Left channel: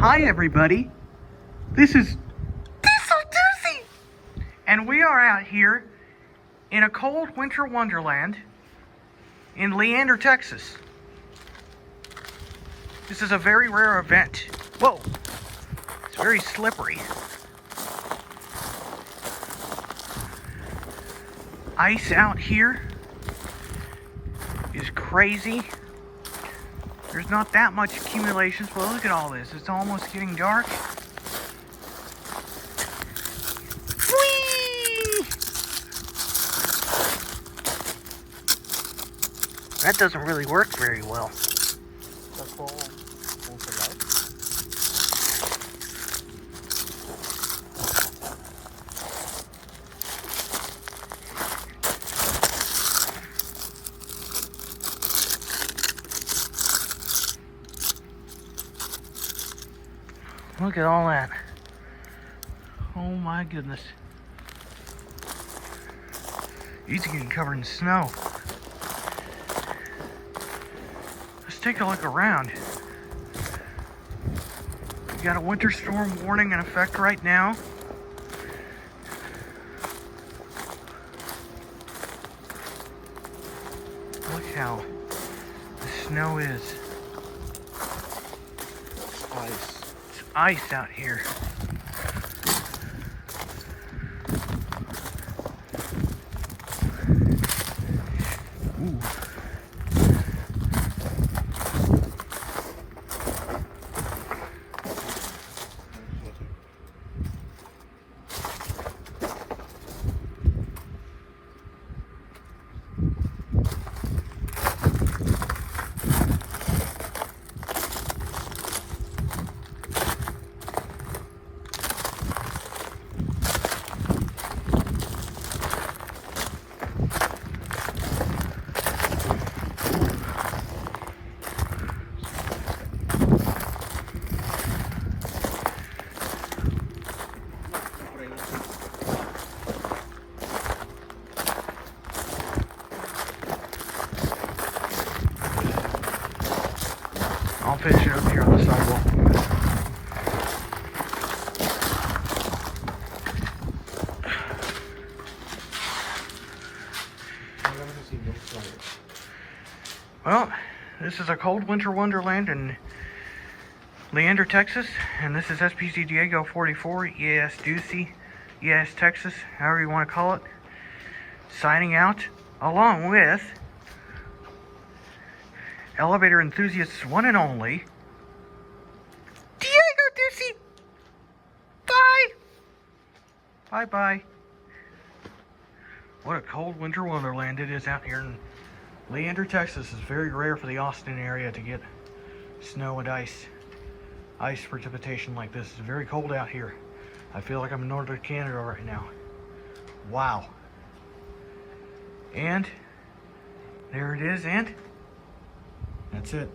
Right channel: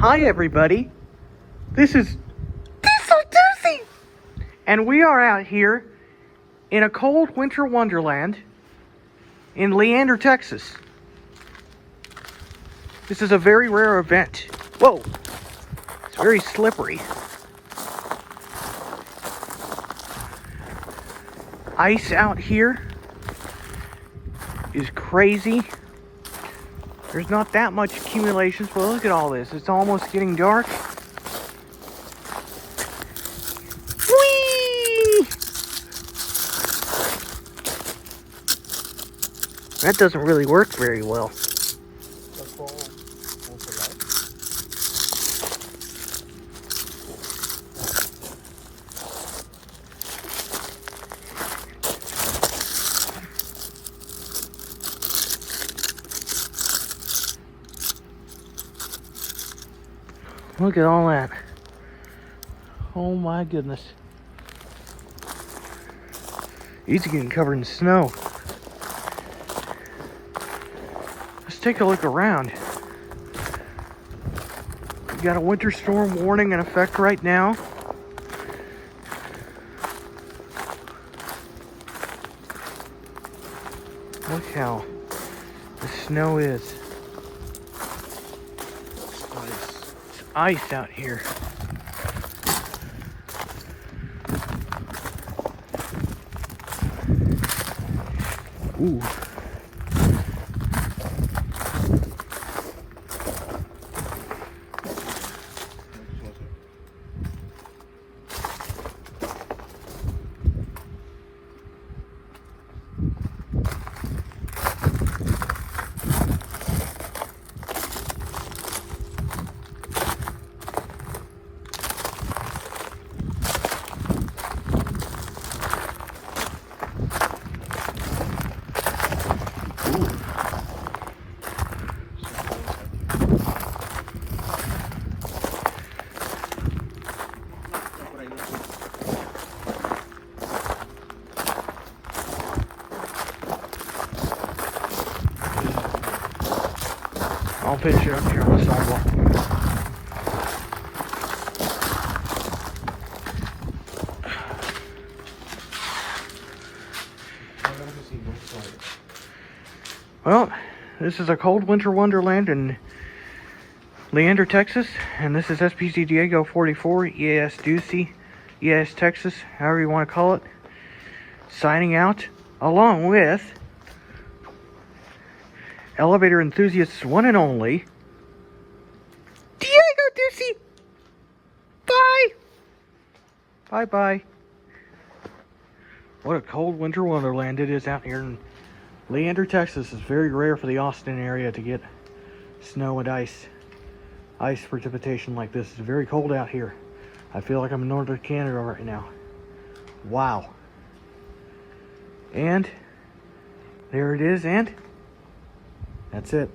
Hi everybody, this is Diesel, and we are out here in a cold winter wonderland in Leander, Texas. This is a very rare event. Whoa, it's very slippery. Ice out here is crazy. There's not that much accumulations, but look at all this. It's almost getting dark. Whee! That doesn't really work very well. Look at all that. Oh my goodness. It's getting covered in snow. Let's take a look around. We got a winter storm warning in effect right now. Look how the snow is. Ice out here. Ooh. I'll finish it up here on the sidewalk. Well, this is a cold winter wonderland in Leander, Texas, and this is SPC Diego 44, EAS Ducey, EAS Texas, however you want to call it, signing out, along with elevator enthusiasts one and only, Diego Ducey. Bye. Bye-bye. What a cold winter wonderland it is out here in Leander, Texas. It's very rare for the Austin area to get snow and ice precipitation like this. It's very cold out here. I feel like I'm in northern Canada right now. Wow. And there it is, and that's it.